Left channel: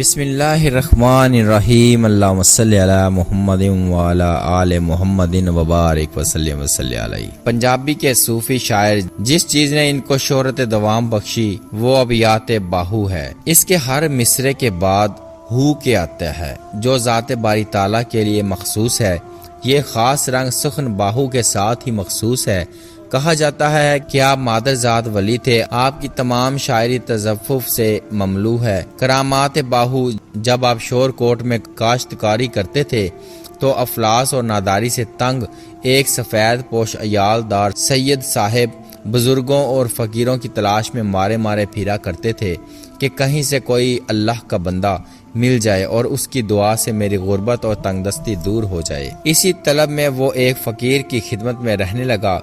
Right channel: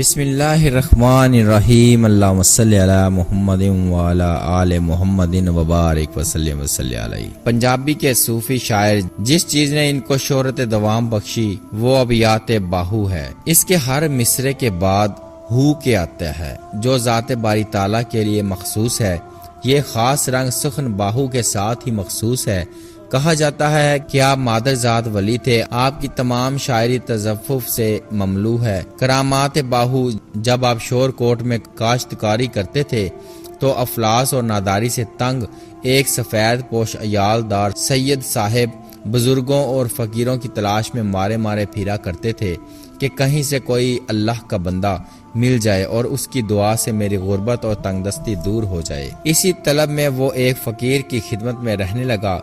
بسم اللہ الرحمن الرحیم، اللہم صلی علی محمد وعلی آل محمد وبارک وسلم علیہ۔ پنجابی کے صوفی شاعر جس چیز نے ان کو شہرت دوام بخشی وہ ابیات باہو ہے۔ اس کے ہر مصرے کے بعد ہو کے آتا ہے جو ذات باری تعالیٰ کے لیے مخصوص ہے۔ یہ خاص رنگ سخن باہو کے ساتھ ہی مخصوص ہے۔ کہا جاتا ہے کہ آپ مادر ذات ولی تھے۔ آپ کی تمام شاعری تذفف سے مملو ہے۔ کرامات باہو، جب آپ شور کوٹ میں کاشتکاری کرتے تھے تو افلاس اور ناداری سے تنگ ایک سفید پوش عیال دار سید صاحب بزرگوں اور فقیروں کی تلاش میں مارے مارے پھرا کرتے تھے کہ کہیں سے کوئی اللہ کا بندہ مل جائے اور اس کی دعا سے میری غربت اور تنگ دستی دور ہو جائے۔ اسی طلب میں وہ ایک فقیر کی خدمت میں رہنے لگا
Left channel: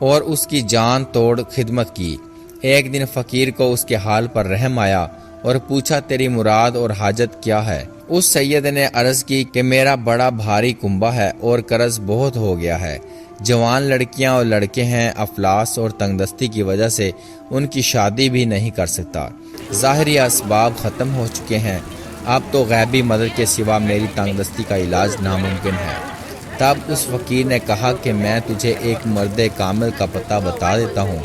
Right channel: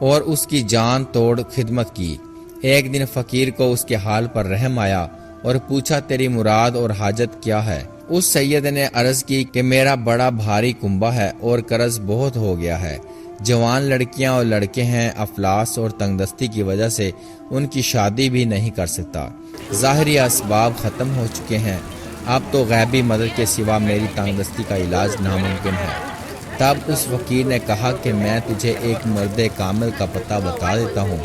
اور اس کی جان توڑ خدمت کی۔ ایک دن فقیر کو اس کے حال پر رحم آیا اور پوچھا تیری مراد اور حاجت کیا ہے؟ اس سید نے عرض کی کہ میرا بڑا بھاری کنبہ ہے اور قرض بہت ہو گیا ہے۔ جوان لڑکیاں اور لڑکے ہیں، افلاس اور تنگ دستی کی وجہ سے ان کی شادی بھی نہیں کر سکتا۔ ظاہری اسباب ختم ہو چکے ہیں، اب تو غیبی مدد کے سوا میری تنگ دستی کا علاج ناممکن ہے۔ تب اس فقیر نے کہا کہ میں تجھے ایک مرد کامل کا پتہ بتا دیتا ہوں،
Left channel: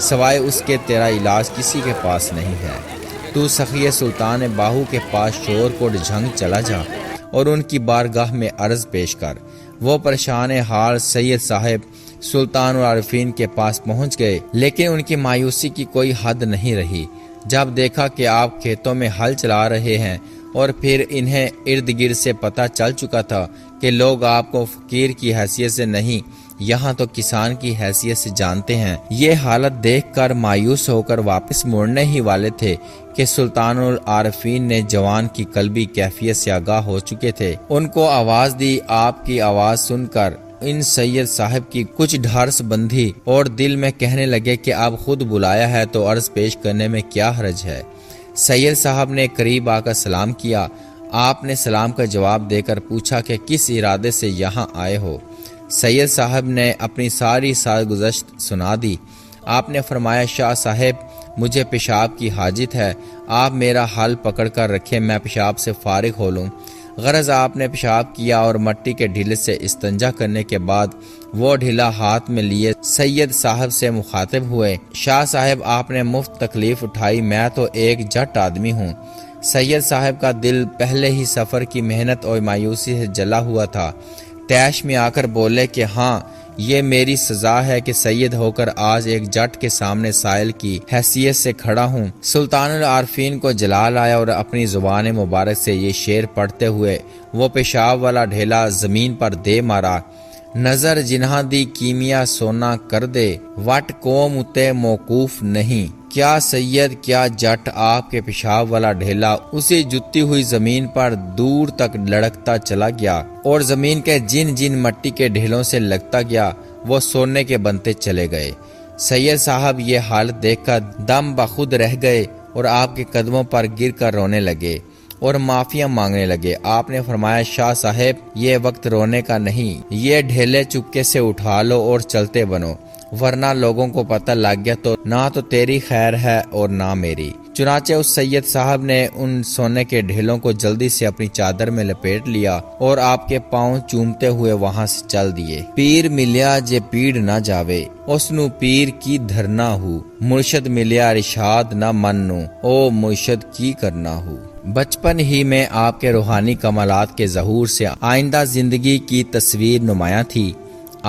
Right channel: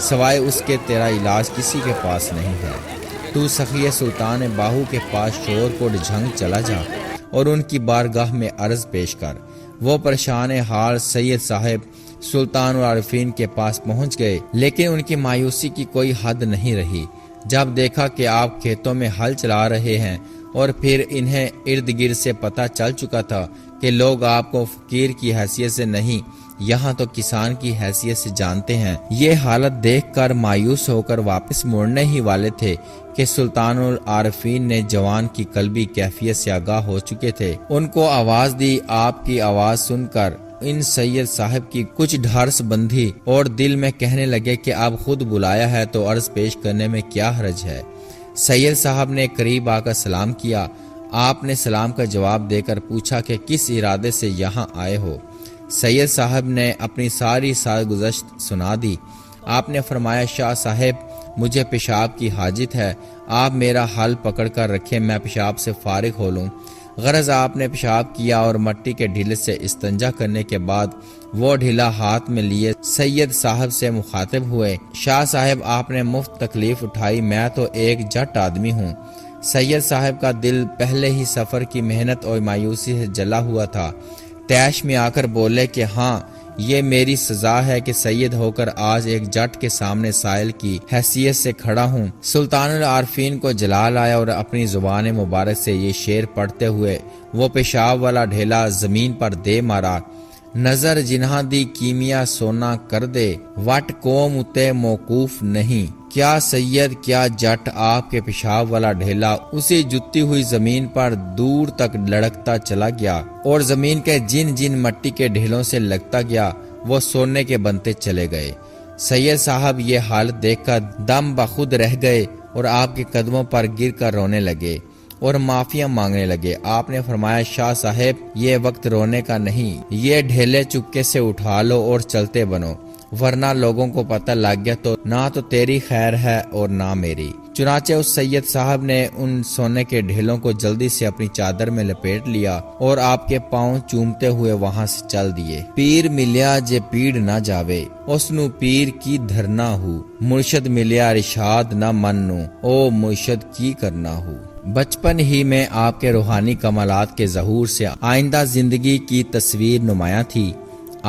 سوائے اس کے تیرا علاج کسی کے پاس نہیں ہے۔ تو سخی سلطان باہو کے پاس شور کوٹ جھنگ چلا جا اور ان کی بارگاہ میں عرض پیش کر۔ وہ پریشان حال سید صاحب سلطان العارفین کے پاس پہنچ گئے، لیکن ان کی مایوسی کی کوئی حد نہیں رہی جب دیکھا کہ آپ کھیتوں میں ہل چلا رہے ہیں، اور پھر انہیں ارد گرد سے پتہ چل چکا تھا کہ لوگ آپ کو فقیر کی حیثیت سے نہیں، یہاں تو کسان کی حیثیت سے جانتے ہیں۔ یہ حالت دیکھ کر مایوس ہو کر واپس مڑنے ہی والے تھے کہ سلطان العارفین نے جوان کی قلبی کیفیت سے آگاہ ہو چکے تھے۔ ان کو آواز دی۔ آپ کی آواز سن کر ان سید صاحب کی کچھ ڈھارس بندھی اور دل میں کہنے لگے کہ اب خود بلایا ہے تو عرض پیش کرنے میں کیا حرج ہے۔ سید صاحب نے قریب آ کر سلام کیا۔ آپ نے سلام کا جواب دے کر پوچھا کہ کس ارادے سے یہاں آئے ہو؟ سید صاحب نے اپنی ساری سرگزشت سنا دی۔ آپ نے فرمایا شاہ صاحب مجھے پیشاب کی حاجت ہے، آپ میرا حال پکڑ کر رکھے، میں پیشاب سے فارغ ہو لوں۔ غرض آپ نے پیشاب کیا اور مٹی کے ڈھیلے سے استنجا کرنے کے بعد وہ ڈھیلا ہاتھ میں لیے سید صاحب سے مخاطب ہوئے، شاہ صاحب آپ نے مفت تکلیف اٹھائی، میں تو ایک جٹ آدمی ہوں۔ سید صاحب کا دل پہلے ہی سفر کی محنت اور مایوسی سے جلا ہوا تھا۔ تیش میں آ کر بولے کہ ہاں یہ میری سزا ہے کہ سید ہو کر آج ایک جٹ کے سامنے سائل کی حیثیت سے کھڑا ہوں۔ سلطان العارفین کو جلال آیا اور اپنی زبان مبارک سے یہ شعر پڑھتے ہوئے وہ پیشاب والا ڈھیلا زمین پر دے مارا۔ نظر جنہاں دی کیمیا سونا کر دے، وٹ قوم اتے موقوف نہیں۔ کیا سید کیا جٹ، آپ کے پیشاب والا ڈھیلا اسی جتی ہوئی زمین پر دور تک لڑکتا چلا گیا اور زمین کے جن جن مٹی کے ڈھیلوں سے لگتا گیا وہ سونے کے بنتے چلے گئے۔ سید صاحب یہ حالت دیکھ کر دم بخود رہ گئے اور آپ کے قدموں پر گر کر رونے لگے اور معافیاں مانگنے لگے۔ آپ نے فرمایا شاہ صاحب یہ وقت رونے کا نہیں، یہ ڈھیلے چپکے سے اٹھا لو اور چلتے بنو، ورنہ لوگوں کو پتہ لگ گیا تو نہ تو تیری خیر ہے اور نہ میری۔ چنانچہ اس سید صاحب نے ان سونے کے ڈھیلوں کو جلدی سے اپنی چادر میں لپیٹ لیا اور آپ کے پاؤں چومتے ہوئے وہاں سے چل دیے۔ پیر ملیا جے پیڑ نہ جاوے، اس نو پیر کی دھرنا ہو، مرشد ملیا رشاد نہ منو، او مرشد کی کرنا ہو۔ بچپن ہی میں آپ کے روحانی کمالات کے ظہور سے آئندہ زندگی کی تصویر نمایاں تھی۔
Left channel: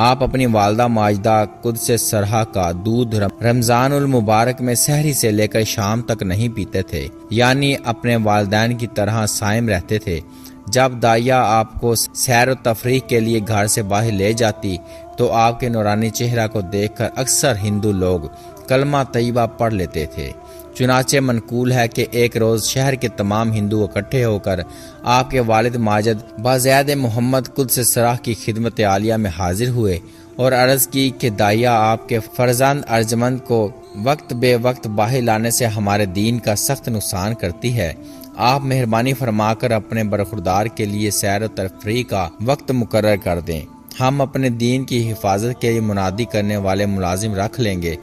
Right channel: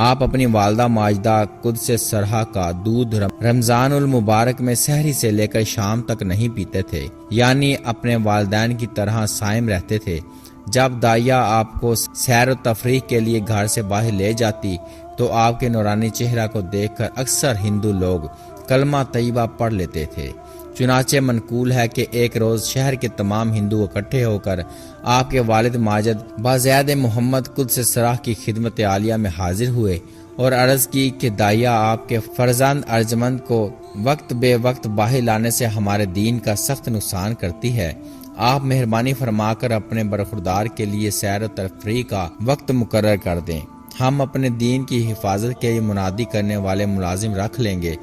آپ اپنی والدہ ماجدہ قدس سرہا کا دودھ رمضان المبارک میں سحری سے لے کر شام تک نہیں پیتے تھے، یعنی اپنے والدین کی طرح صائم رہتے تھے۔ جب دائیا آپ کو سیر و تفریح کے لیے گھر سے باہر لے جاتی تو آپ کے نورانی چہرہ کو دیکھ کر اکثر ہندو لوگ کلمہ طیبہ پڑھ لیتے تھے۔ چنانچہ منقول ہے کہ ایک روز شہر کے تمام ہندو اکٹھے ہو کر آپ کے والد ماجد بازید محمد قدس سرہ کی خدمت عالیہ میں حاضر ہوئے اور عرض کی کہ دائیا آپ کے فرزند ارجمند کو وقت بے وقت باہر لانے سے ہمارے دین کا سخت نقصان کرتی ہے، آپ مہربانی فرما کر اپنے برخوردار کے لیے سیر و تفریح کا وقت مقرر کر دیں۔ ہم اپنے دین کی حفاظت کے لیے منادی کرنے والے ملازم رکھ لیں گے۔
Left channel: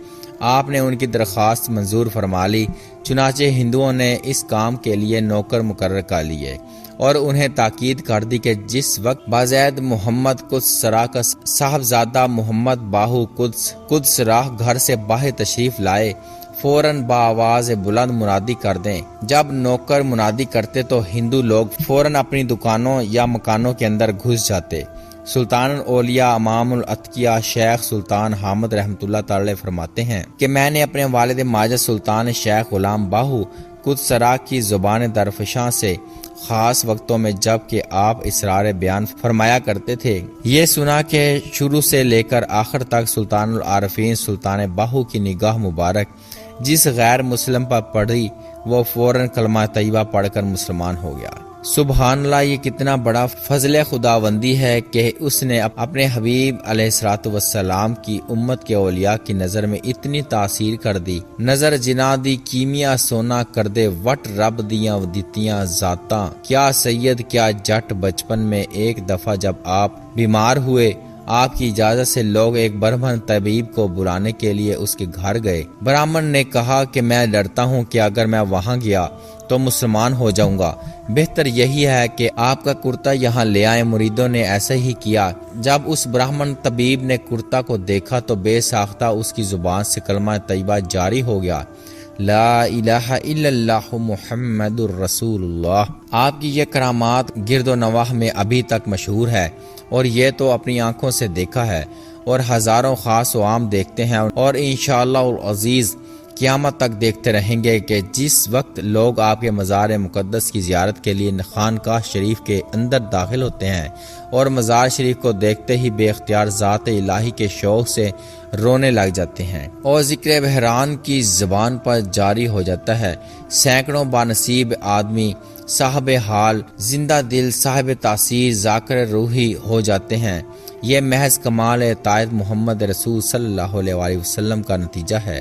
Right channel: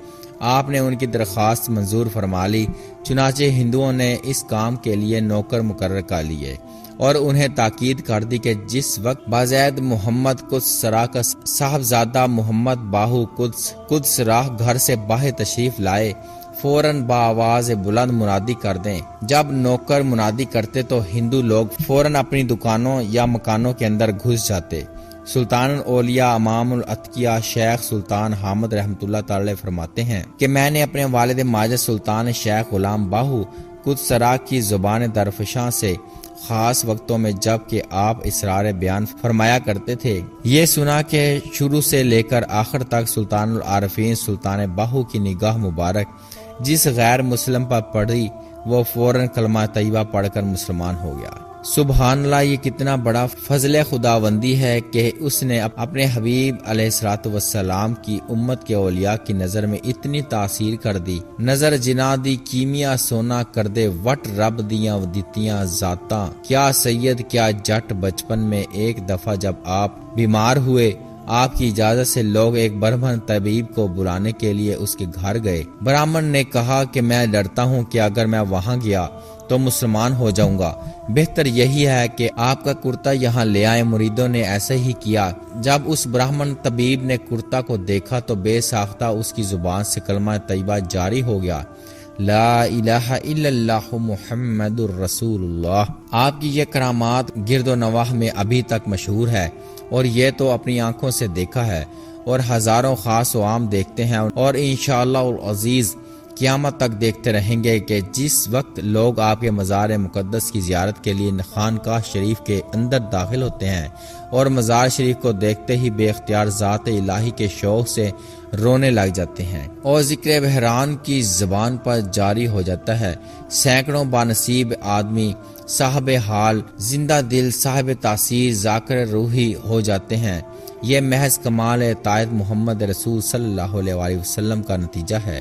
آپ نے ان کی درخواست منظور فرما لی، چنانچہ ہندوؤں نے اس کام کے لیے نوکر مقرر کر لیے اور انہیں تاکید کر دی کہ جس وقت بازید محمد قدس سرا کا صاحبزادہ محمد باہو قدس راہ گھر سے باہر تشریف لائے، فوراً بآواز بلند منادی کر دیں۔ جب نوکر منادی کرتے تو ہندو لوگ فوراً اپنی دکانوں یا مکانوں کے اندر گھس جاتے۔ سلطان الاولیاء امام الاتقیاء شیخ سلطان حامد رحمۃ اللہ تعالی فرماتے ہیں کہ میں نے اپنے والد ماجد سلطان شیخ غلام باہو قدس سرا کی زبان درفشاں سے خاص وقتوں میں جب کہ آپ اسرار بیان فرمایا کرتے تھے یہ سنا کہ شروع سے لے کر آخر تک سلطان العارفین سلطان باہو کی نگاہ مبارک جس غیر مسلم پر پڑی وہ فوراً کلمہ طیبہ پڑھ کر مسلمان ہو گیا۔ سبحان اللہ، یہ کتنا بڑا فضل خداوندی ہے کہ اس نے اپنے حبیب علیہ الصلوۃ والسلام کی امت کے اولیاء کی نظر میں اتنی تاثیر کر دی۔ نظر جنا دی کیمیا سونا کر دے وٹ رب دیاں دتیاں ذاتاں، کیا سید کیا جٹ بچپن میں ایک دفعہ جب آپ بیمار ہوئے، آپ کی اجازت سے لوگ ایک برہمن طبیب کو بلانے کے لیے اس کے گھر گئے۔ برہمن نے کہا کہ میں ڈرتا ہوں کہ اگر میں وہاں گیا تو مسلمان ہو جاؤں گا، بہتر یہی ہے کہ آپ کا کرتا یہاں لے آئیں۔ مریدوں نے ایسا ہی کیا۔ جب اس برہمن طبیب نے کرتا کو دیکھا تو بے ساختہ اس کی زبان سے کلمہ طیبہ جاری ہو گیا، لا الہ الا اللہ محمد الرسول اللہ۔ آپ کی یہ کرامات گرد و نواح میں ابھی تک مشہور ہے، اور یہ تو اپنی آنکھوں سے دیکھا ہے اور ہزاروں خاص و عام دیکھتے ہیں، اور انشاءاللہ العزیز قیامت تک دیکھتے رہیں گے کہ جس وقت لوگ آپ کے مزار مقدس کی زیارت کے لیے خانقاہ شریف کے اندر داخل ہوتے ہیں اور مزار شریف کو دیکھتے ہی بے اختیار ذات الہی کے شوق سے رونے لگ جاتے ہیں اور ذکر بحران کی زبان پر جاری ہو جاتا ہے۔ سینکڑوں بانصیب آدمی صاحب حال، زندہ دل، صاحب تاثیر، ذاکر روحی ہو جاتے ہیں۔ یہ محض کمال اطاعت محمد رسول صلی اللہ علیہ وسلم کا نتیجہ ہے۔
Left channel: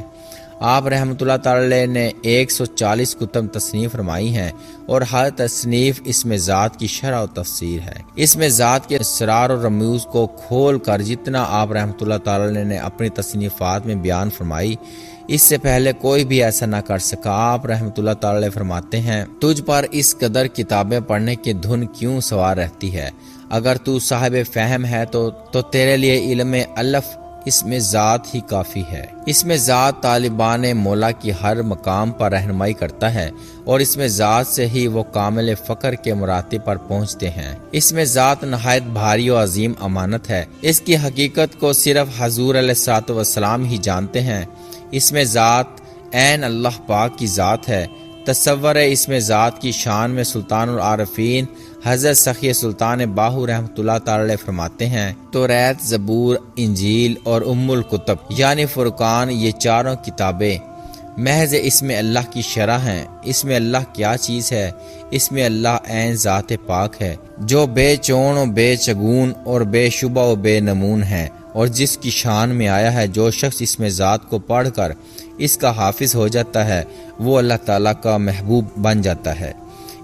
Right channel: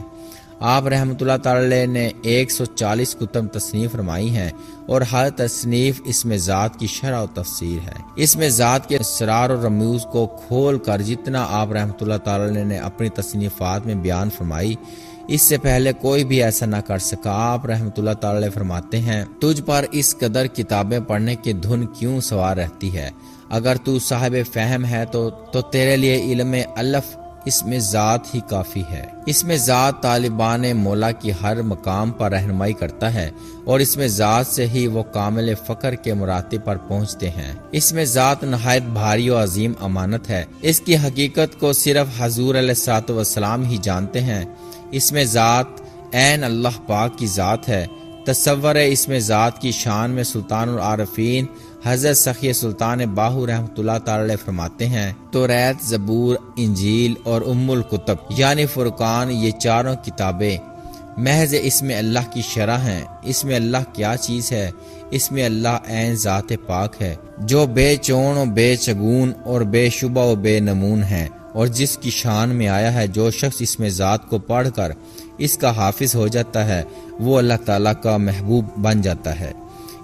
آپ رحمۃ اللہ تعالی نے 140 کتب تصنیف فرمائی ہیں اور ہر تصنیف اس میں ذات کی شرح و تفسیر ہے۔ اس میں ذات کے اسرار و رموز کو کھول کر جتنا آپ رحمۃ اللہ تعالی نے اپنی تصنیفات میں بیان فرمائی، اس سے پہلے کوئی بھی ایسا نہ کر سکا۔ آپ رحمۃ اللہ تعالی فرماتے ہیں، تجھ پر اس قدر کتابیں پڑھنے کی دھن کیوں سوار رہتی ہے؟ اگر تو صاحب فہم ہے تو تیرے لیے علم الف اس میں ذات ہی کافی ہے۔ اس میں ذات طالبان مولا کی ہر مقام پر رہنمائی کرتا ہے اور اس میں ذات سے ہی وہ کامل فقر کے مراتب پر پہنچتے ہیں۔ اس میں ذات نہایت بھاری و عظیم امانت ہے، اس کی حقیقت کو صرف حضور علیہ الصلوۃ والسلام ہی جانتے ہیں۔ اس میں ذات عین اللہ پاک کی ذات ہے۔ تصور اس میں ذات کی شان میں سلطان العارفین حضرت سخی سلطان باہو رحمۃ اللہ تعالی فرماتے ہیں، توریت، زبور، انجیل اور ام الکتب یعنی فرقان، یہ چاروں کتابیں محض اس میں اللہ کی شرح ہیں۔ اس میں اللہ کیا چیز ہے؟ اس میں اللہ عین ذات پاک ہے جو بے چون و بے چگون اور بے شبہ و بے نمون ہے، اور جس کی شان میں آیا ہے جو شخص اس میں ذات کو پڑھ کر اس کا حافظ ہو جاتا ہے وہ اللہ تعالیٰ کا محبوب بن جاتا ہے۔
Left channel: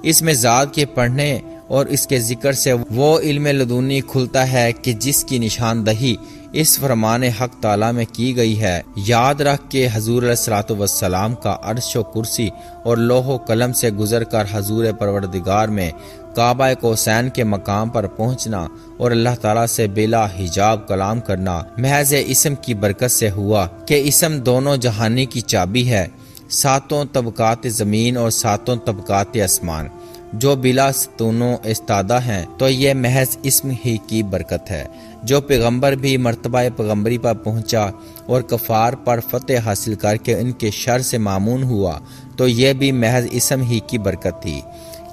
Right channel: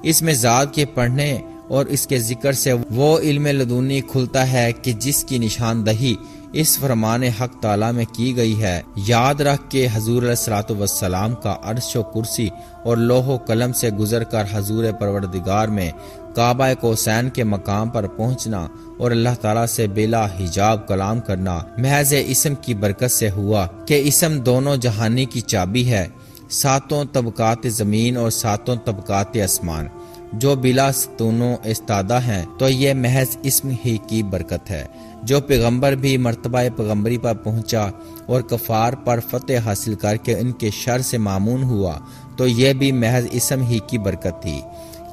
اس میں ذات کے پڑھنے اور اس کے ذکر سے وہ علم لدنی کھلتا ہے کہ جس کی نشاندہی اس فرمان حق تعالیٰ میں کی گئی ہے۔ یاد رکھ کہ حضور علیہ الصلوۃ والسلام کا عرش و کرسی اور لوح و قلم سے گزر کر حضور پروردگار میں کعبہ کوسین کے مقام پر پہنچنا اور اللہ تعالیٰ سے بلا حجاب کلام کرنا محض اسم کی برکت سے ہوا کہ اسم دونوں جہانی کی چابی ہے، ساتوں طبقات زمین اور ساتوں طبقات آسمان جو بلا ستونوں استادہ ہیں، تو یہ محض اسم ہی کی برکت ہے۔ جو پیغمبر بھی مرتبہ پیغمبری پر پہنچا اور کفار پر فتح حاصل کر کے ان کے شر سے معمون ہوا، تو یہ بھی محض اسم ہی کی برکت تھی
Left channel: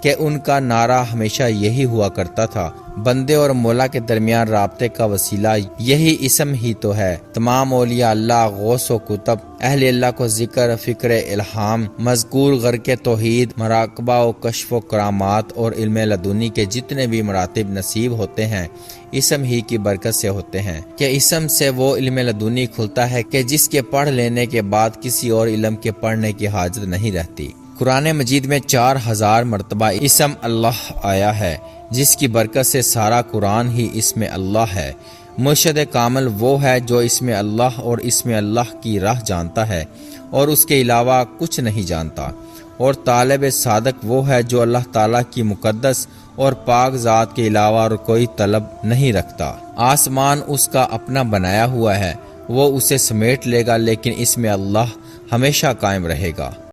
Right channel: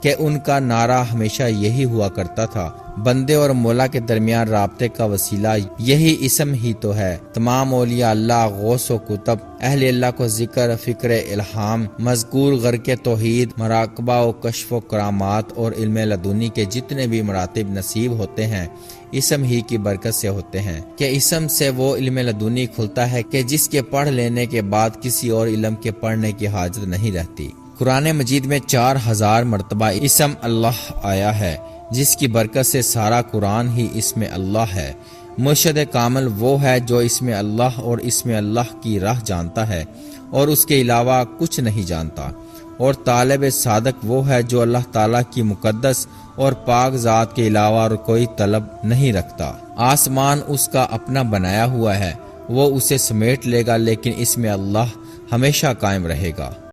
کہ ان کا نعرہ ہمیشہ یہی ہوا کرتا تھا، بندے اور مولا کے درمیان رابطے کا وسیلہ یہی اسم ہی تو ہے۔ تمام اولیاء اللہ، غوث و کتب، اہل اللہ کو ذکر، فکر، الہام، مذکور، غرق توحید، مراقبہ و کشف و کرامات اور علم لدنی کے جتنے بھی مراتب نصیب ہوتے ہیں اسم ہی کی برکت سے ہوتے ہیں، کہ اسم سے وہ علم لدنی کھلتا ہے کہ جس کے پڑھ لینے کے بعد کسی اور علم کے پڑھنے کی حاجت نہیں رہتی۔ قرآن مجید میں 4000 مرتبہ اسم اللہ آیا ہے، جس کی برکت سے سارا قرآن ہی اسم اللہ ہے۔ مرشد کامل وہ ہے جو اسم اللہ اور اسم اللہ کی راہ جانتا ہے اور اس کے علاوہ کچھ نہیں جانتا، اور طالب صادق وہ ہے جو اللہ تعالیٰ کی مقدس اور پاک ذات کے علاوہ اور کوئی طلب نہیں رکھتا۔ آسمان اس کا اپنا بنایا ہوا ہے، وہ اسے سمیٹ لے گا، لیکن اسم اللہ ہمیشہ قائم رہے گا۔